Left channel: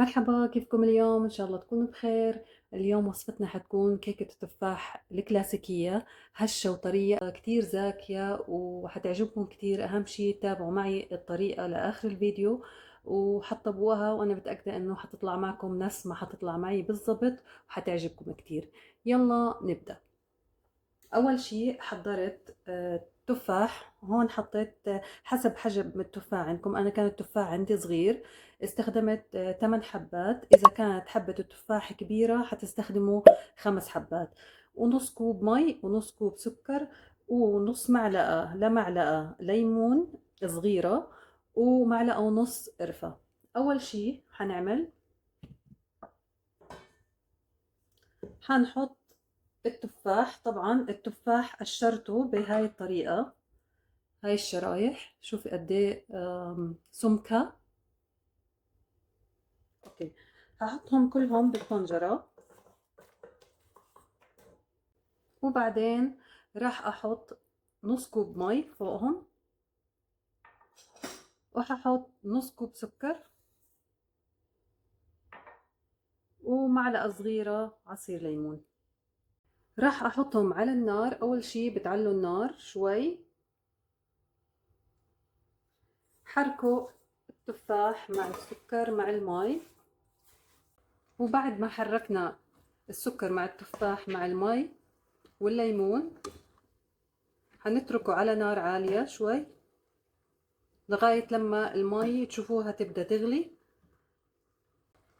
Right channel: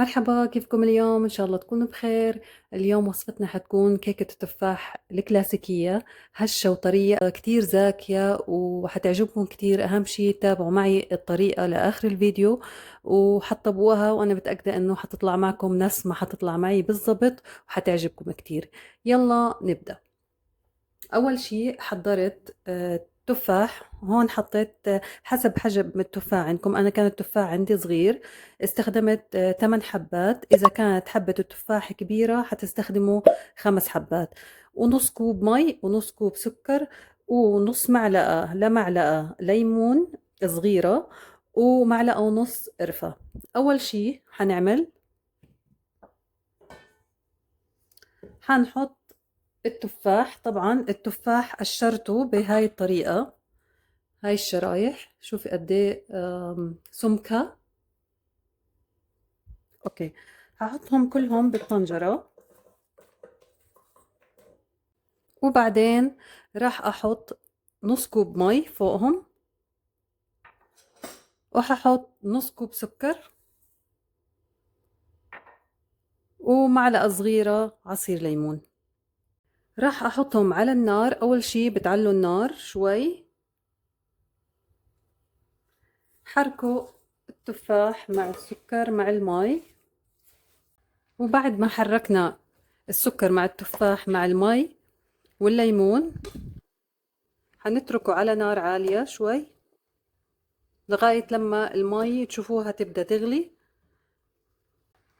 مرحبا، كيفكم اليوم؟ إن شاء الله تكونوا بخير. اليوم وصفتنا حتكون كيكة التفاح الكلاسيكية، هشة وطرية كتير زاكية وحتعجبكم كتير. أهم شي تابعوا معي الطريقة لآخر الفيديو وحطبوها، وأنا متأكدة إنه حتطلع معكم نفس ما حتطلع معي بالضبط وحتعجبكم كتير. يلا نبدأ. أول شي حضرت تفاح. هون حطيت حسب حجم التفاح عندكم. أنا كان التفاح عندي صغير، استخدمت 8 حبات. إذا كانت حبة التفاح كبيرة حتستخدموا 5 حبات، ونص كوب مي ونص كوب سكر ونص معلقة لمعلقة ليمون صغيرة ومعلقة ونص قرفة. أول شي حنعمل، حنحط التفاح. طبعا التفاح قشرته بهاي الطريقة، هاي الشرايح. شوفي قد ايه سمكها. اوكي، هحطهم كلهم بالطنجرة، وبعدين راح احط نص كوب مي فوقهم، وححط نص كوب سكر ومعلقة صغيرة عصير ليمون. راح احطهم على النار. اول شي بتعلوا النار شوي، حركوا التفاح مع السكر مع المي. وبعد ما حركنا السكر مع التفاح مع المي والليمون، هنتركه على نار عالية شوي لغاية لما المي تشوفوها تبدأ تغلي.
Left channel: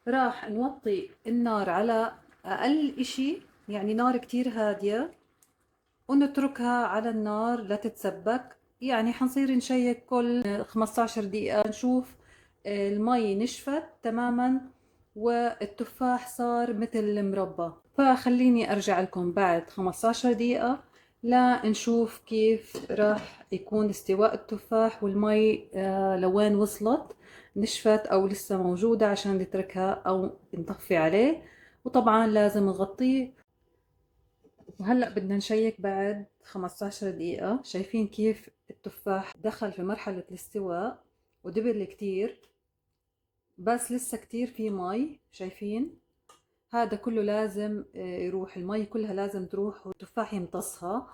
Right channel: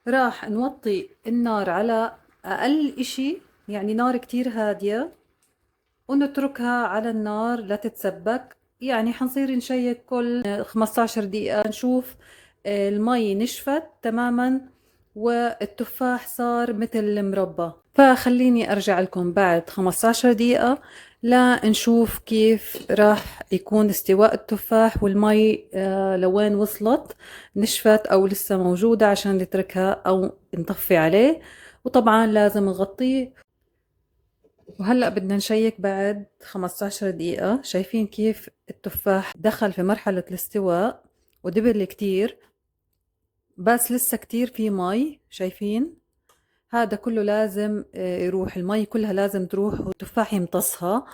راح نوطي النار على أقل إشي، يعني نار كتير هادية، ونتركها على النار لا تتسبك. يعني حنصير نشيك كل 15 دقيقة نشوف المي نشفت تماما والتفاح صار مثل المربى. فخليني أرجع لكم بعد 15 دقيقة لنشوف كيف راح يكون استواء التفاح والمي لوين وصلت، نشفت أو لسه موجودة، عشان نتركها أو نطفي عليه. وطبعا لازم نغطيه. وهلأ بدنا نشيك بعد 15 دقيقة. شايفين كيف التفاح دخل في مرحلة الاستواء ودبل كتير، بس لسه كتير في مي. شايفين هذا كله لازم يروح، المي كلها لازم تروح والتفاح يمتصها.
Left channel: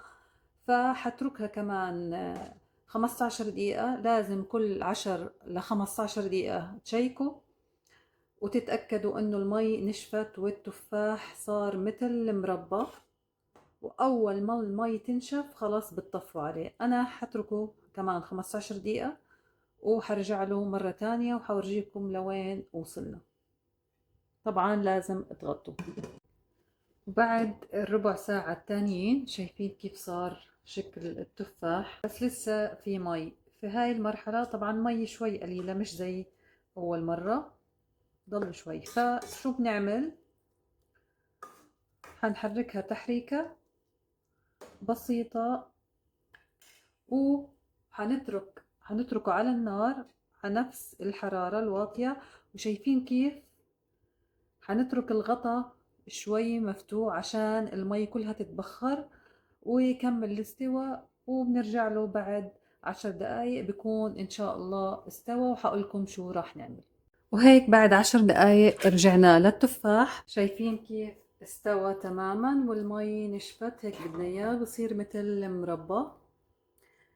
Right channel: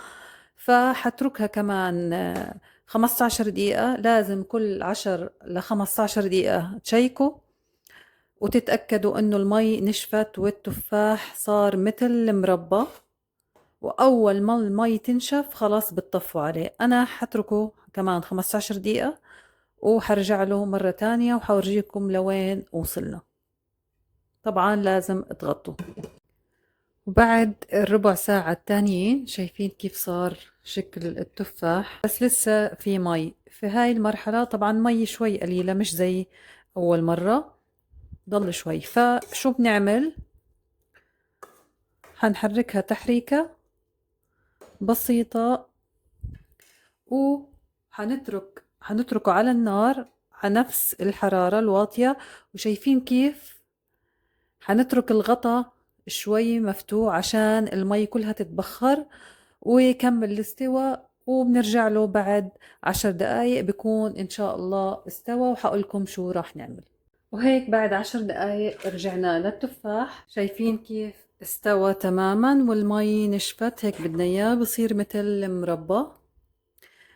فحتركها كمان 15 دقيقة. لازم كل 10 ل 15 دقيقة تشيكوا وتتأكدوا انه المي نشفت والتفاح صار مثل المربى. واول ما المي تنشف خلاص بتطفوا عليه. انا حتركه كمان 15 دقيقة وحرجع له مرة تانية وحورجيكم لوين وصلنا. طبعا لازم تغطوا. وبعد الربع ساعة التانيين شايفين كيف صار شكل التفاح، بس لسه في مي في هاي المرحلة. طبعا مي شوي قليلة مش زي أول مرة، ضل شوي. فشو بنعمل؟ حنحركها تحريكة بسيطة حنتركه على النار على نفس الحرارة الواطية. وشايفين كيف حنترك الغطا شوي مفتوح عشان المي كلها تتبخر ويكمل الاستواء. وبنرجع له بعد 10 دقايق بكون إن شاء الله استوى، وحقولكم شو راح نعمل. وهيك بعد 10 دقايق رجعنا للتفاح. شايفين كيف استوى تماما والمي نشفت. هيك بدنا اياه بصير مثل مربى.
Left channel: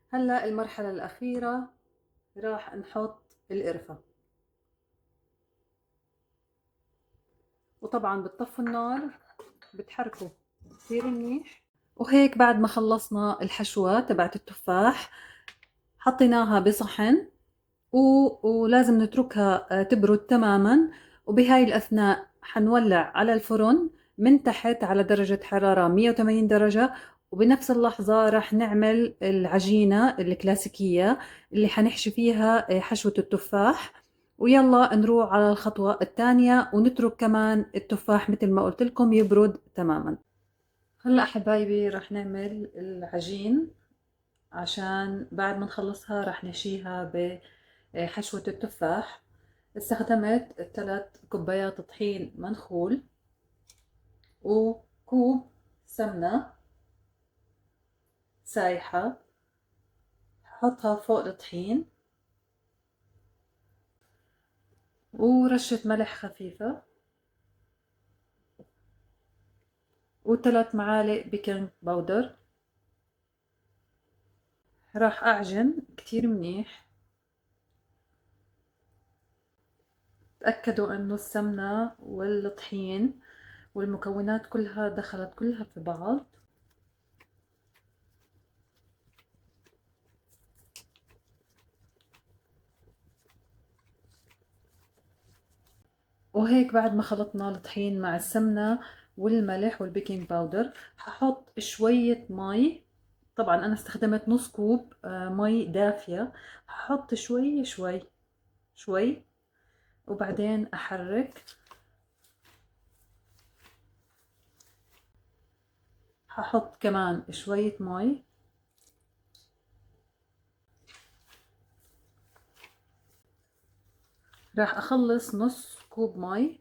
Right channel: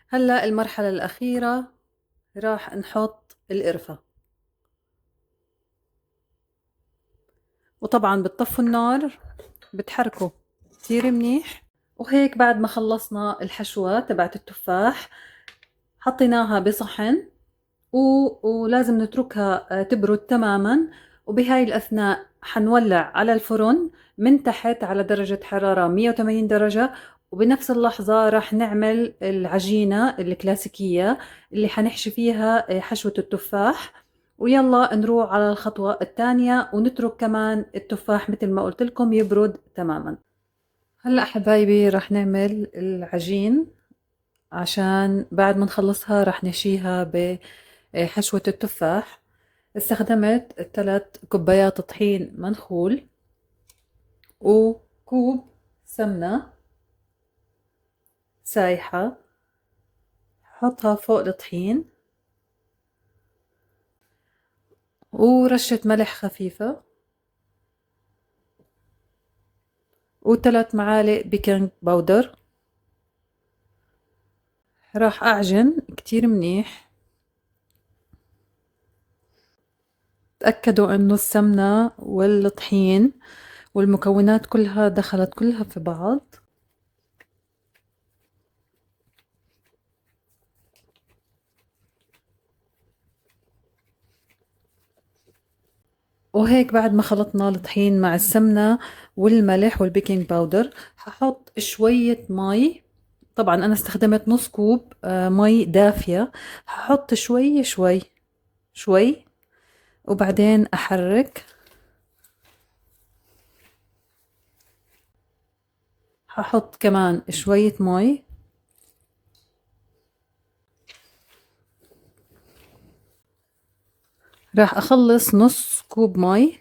هلا المرحلة الأخيرة راح نحط القرفة، وطبعا بتطفوا النار، بتحركوا كتير منيح. وهيك بعد ما خلصنا الحشوة تبعت التفاح حطيناها بصحن ولازم نتركها تبرد تماما. وبهاي الأثناء حنولع على الفرن من تحت على درجة حرارة 180 درجة. وبنفس اللحظة راح نعمل العجينة الكلاسيكية اللي حنحشي فيها حشوة التفاح. ويلا نروح على الخطوة الثانية ونترك كمان التفاح مثل ما قلت لكم يبرد تماما. هلأ حبايبي راح نعمل العجين، عشان بعد ما نخلصها راح نحشيها بحشوة التفاح. استخدمت 3 كوبايات طحين منخول وكوب سمنة سايحة. حطها فوق الطحين ورشة ملح خفيفة، و3 معالق بيكنج باودر. راح أعجن كتير منيح. تأكدوا إنه السمنة والطحين والمكونات كلها دخلت كلها في بعض. وهيك بعد ما خلطنا الطحين مع السمنة والملح والبيكنج باودر، هحط شوية مي. طبعا أنا استخدمت نص كوب مي دافية. هحط شوي شوي شوي، وبعدين أحرك. هحط كمان شوية مي. راح أخلص نص كوب مي،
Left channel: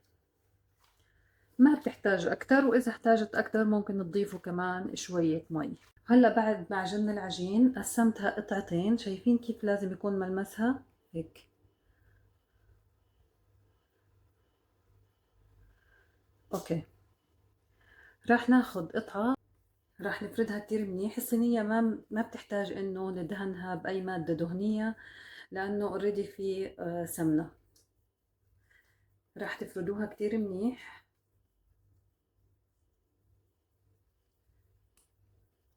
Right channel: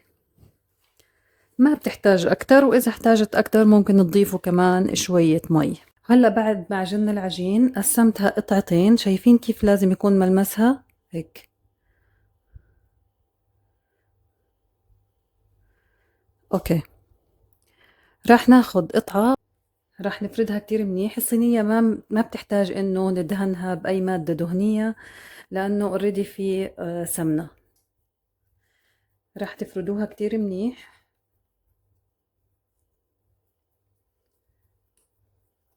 ما بتحتاج أكتر، وإذا احتاجت أكتر ممكن تضيفوا كمان شوية مي. هلأ بعد ما عجننا العجين قسمتها قطعتين. شايفين كيف لازم يكون ملمسها هيك؟ أوكي. راح ناخد قطعة، راح نفردها كتير منيح. الصينية ما بتحتاج إنه ندهنها بأي مادة دهنية لأنه اوريدي في سمنة. راح تفردوها كتير منيح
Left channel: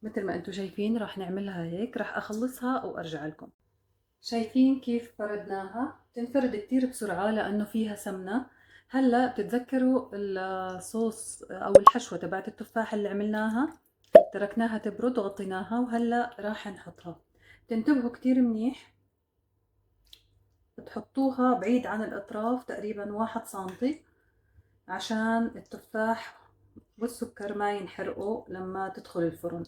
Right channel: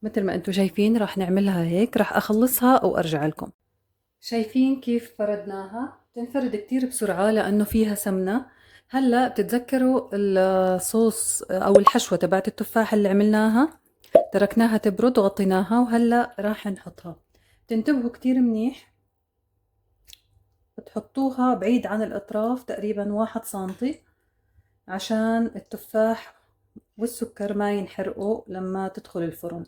مثل ما انتم شايفين. راح نعملها هيك. راح أخلصها وأرجع لكم. شايفين كيف فردناها؟ تنفرد كتير بسرعة لأنه فيها سمنة. هلأ بتتذكروا الصوص أو الحشوة تبعت التفاح اللي عملناها؟ تركناها تبرد وغطيناها، وهلأ راح نحطها. تنتبهوا كتير منيح، بتحطوها بعيد عن الأطراف تقريبا 1 سنتي عشان التفاح والسكر ما ينحرقوا لما تدخل الفرن.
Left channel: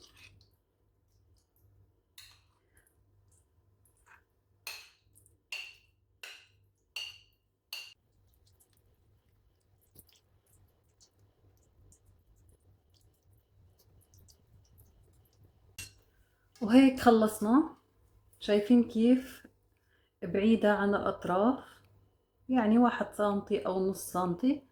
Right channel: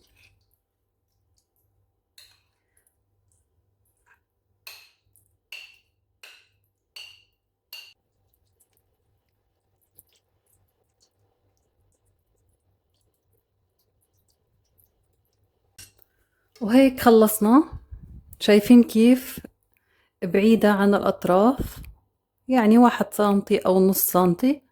وهيك خلصنا. شايفين كيف بعيدة عن الأطراف؟ يعني 1 سنتي أو نص سنتي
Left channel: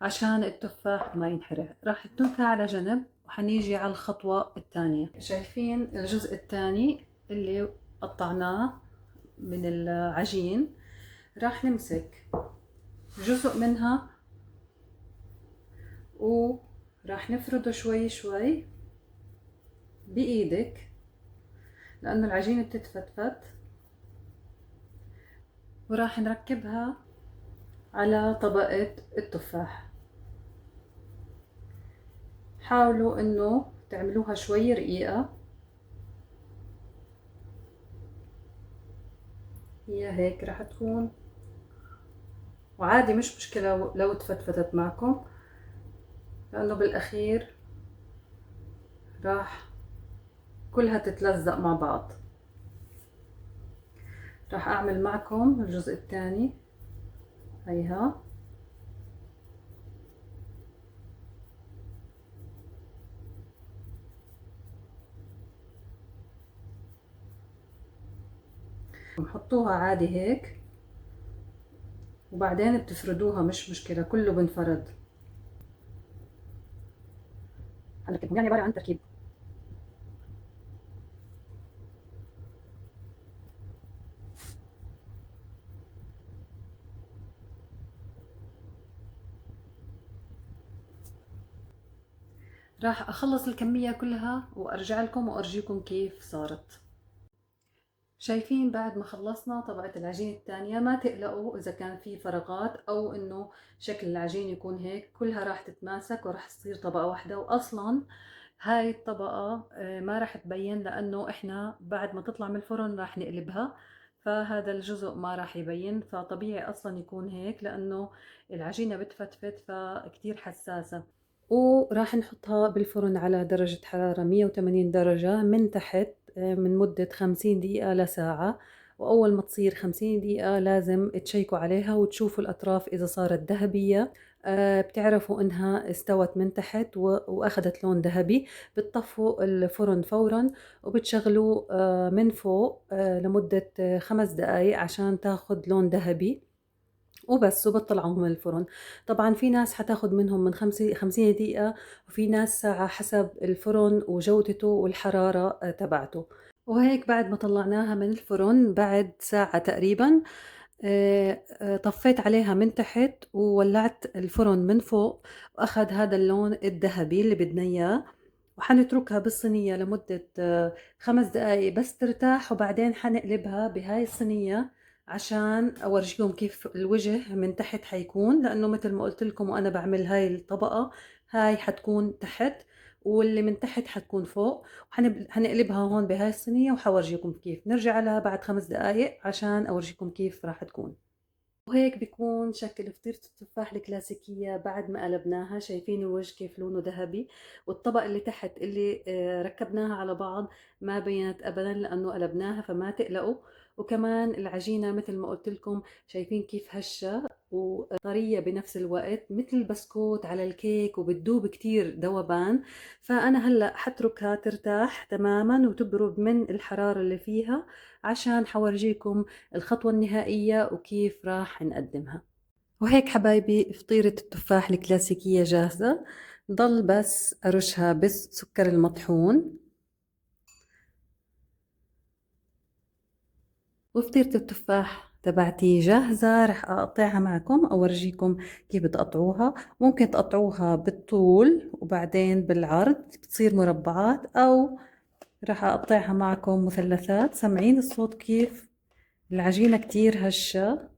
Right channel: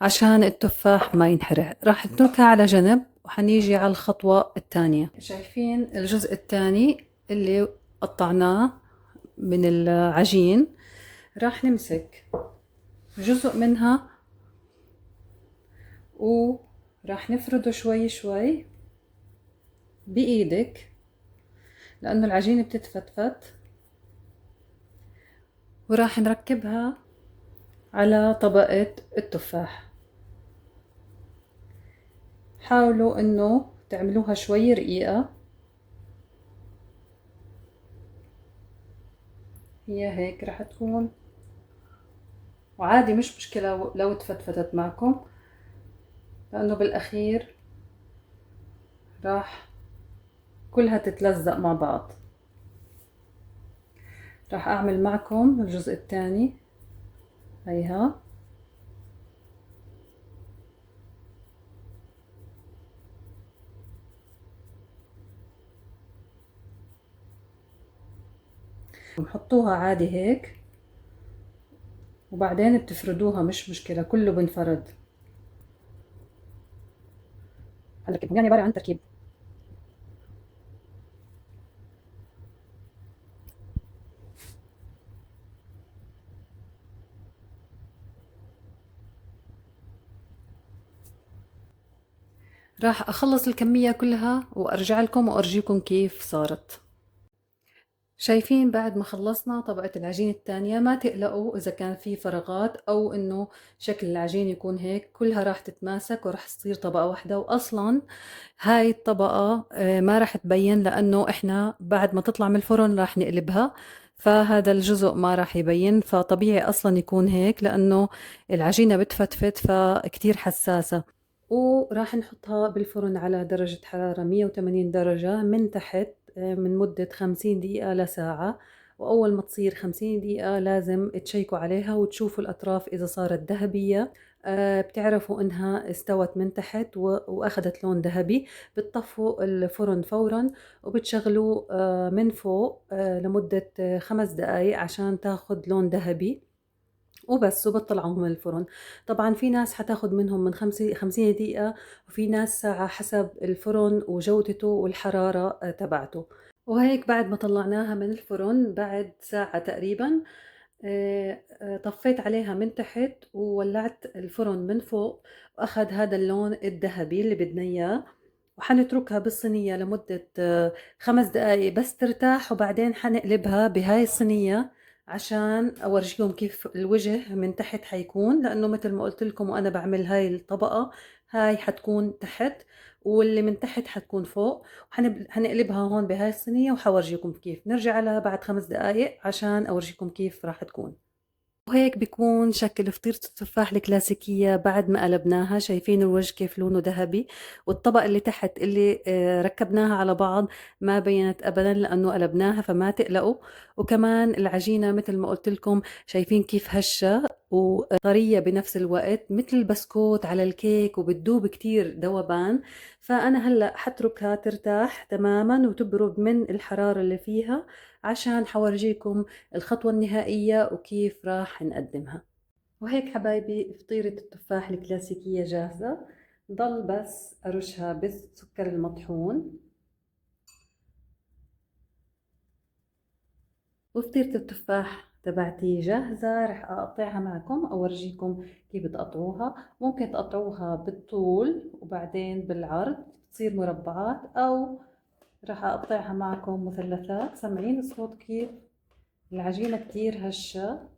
عشان التفاح ما ينحرق. راح نتركها على جنب وحنيجي على الخطوة الثانية. شايفين الجزء الثاني اللي قطعناه من العجين؟ راح نمسك جزء منها وراح نفرده شوي شوي بإيدك لأنه العجينة بتتفتفت، وراح نركبها على طبقة التفاح. حاولوا انه تعملوها شوي رقيقة. هي هيك راح تكون، وعادي مش مشكلة لو تفتفتت معكم لأنه بالأخير راح كلها تتلزق مع بعض. راح أعمل معكم الجزء الثاني. هيها بنحطوها عادي هيك، وبعدين بتفردوها مش مشكلة، كله بنفرد. هنركبهم يعني عبارة عن تركيب. راح أخلص الكمية كلها وأرجع لكم وأرجيكم كيف صارت. شايفين بعد ما خلصنا طبقة العجين الثانية؟ ما تقلقوا إذا كان في فراغات أو إنه شكل العجين يكون هيك، كلها راح تتماسك وراح تصير طبقة واحدة. وأصلا هاي الطبقة ما راح تبين لأنه إحنا بعد ما تطلع من الفرن راح نقلبها، فهذا الجزء ما راح يبين. فطبيعي أصلا يكون هيك لأنه العجينة بتفتفت فكتير حساسة. وراح نحطها بالفرن على درجة حرارة 180 درجة من تحت من مدة 50 دقيقة لساعة. وأول ما تصير 50 دقيقة لازم تشيكوا عليها وتشوفوا الأطراف إذا صارت ذهبية، بتعرفوا إنها استوت من تحت وأخذت لون ذهبي. بتطفوا الفرن فورا وبتشغلوه من فوق لمدة 5 دقايق عشان تاخد لون ذهبي. وبس وبطلعهم من الفرن. طبعا في ناس حتاخد منهم من 50 دقيقة، وفي ناس ساعة حسب الفرن وجودته والحرارة تبعته. وهيك بعد ما طلعناها من الفرن بعد ساعة تقريبا، طفيت عليها من تحت وولعت الفرن من فوق، وأخذ هذا اللون الذهبي اللي بدنا إياه. وحنتركها بالصينية لمدة 5 دقايق بس ترتاح، وبعدين حنقلبها بهاي الصينية عشان أورجيكم كيف الوجه من تحت حيكون، لأنه مثل ما قلت لكم وأنا بعمل هاي الطبقة، هاي حتكون تحت واللي من تحت حتكون فوق. وحنقلبها هون بهاي الصينية وحورجيكم كيف. نرجع لها بعد 5 دقايق عشان أورجيكم كيف راح تكون. وهيك بيكون شكل فطيرة التفاح الكلاسيكية بعد ما قلبناها. شايفين الوجه كيف لونه ذهبي، والطبقة اللي تحت اللي ركبناها على بعض ما بينت أبدا لأنه قلبناها، فما تقلقوا. وكمان العجينة مثل ما قلت لكم شايفين كيف هشة وطرية بنفس الوقت، مثل البسكوت على الكيك، وبتدوب كتير ذوبان. فأنا هلأ حتركها ترتاح تماما وتبرد من الحرارة اللي فيها عشان حورجيكم الخطوة النهائية وكيف راح نقدمها. وهيك حبايبي فطيرة التفاح الكلاسيكية جاهزة. ضل بس أرشها بالسكر المطحون. وفطيرة التفاح تبعتي جاهزة، رح أقطعها معكم أورجيكم كيف بتقطعوها. ممكن تقطعوها بالطول وبعدين بالعرض بتصير مربعات، أو رح أقطعها معكم مثلثات. سمعين الصوت كيف العجينة كتير هشة.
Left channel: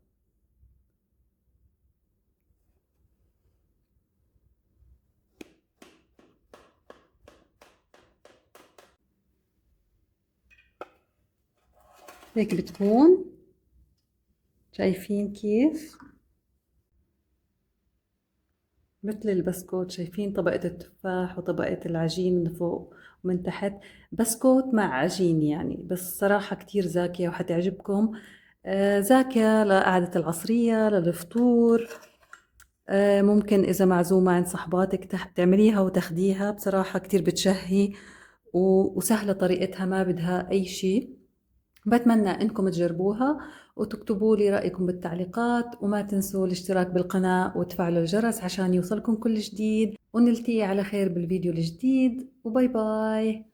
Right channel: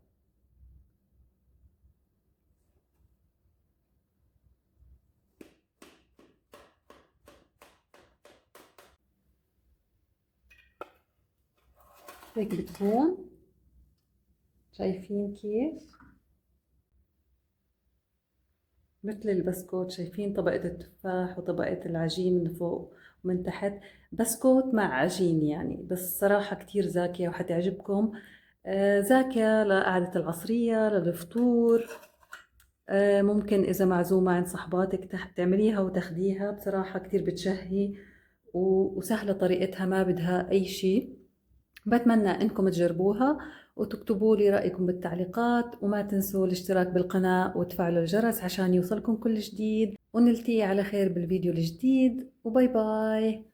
هيك بتكون، شايفين كيف مثل البسكوت. شايفين طبقة التفاح وطبقة العجين من فوق ومن تحت، بسكوت مع عجين يعني. بس صراحة كتير زاكية وحتعجبكم. زاكية لقعدة العصرية للفطور. ممكن إذا معزومة عند صحباتك تعمليها وتاخديها. بصراحة كتير بتشهي وسهلة طريقتها، ما بدها أي شي. بتمنى انكم تجربوها وتكتبوا لي رأيكم بالتعليقات، وما تنسوا الاشتراك بالقناة وتفعلوا الجرس عشان يوصلكم كل جديد. ونلتقي على خير بالفيديو الجديد، وباي باي.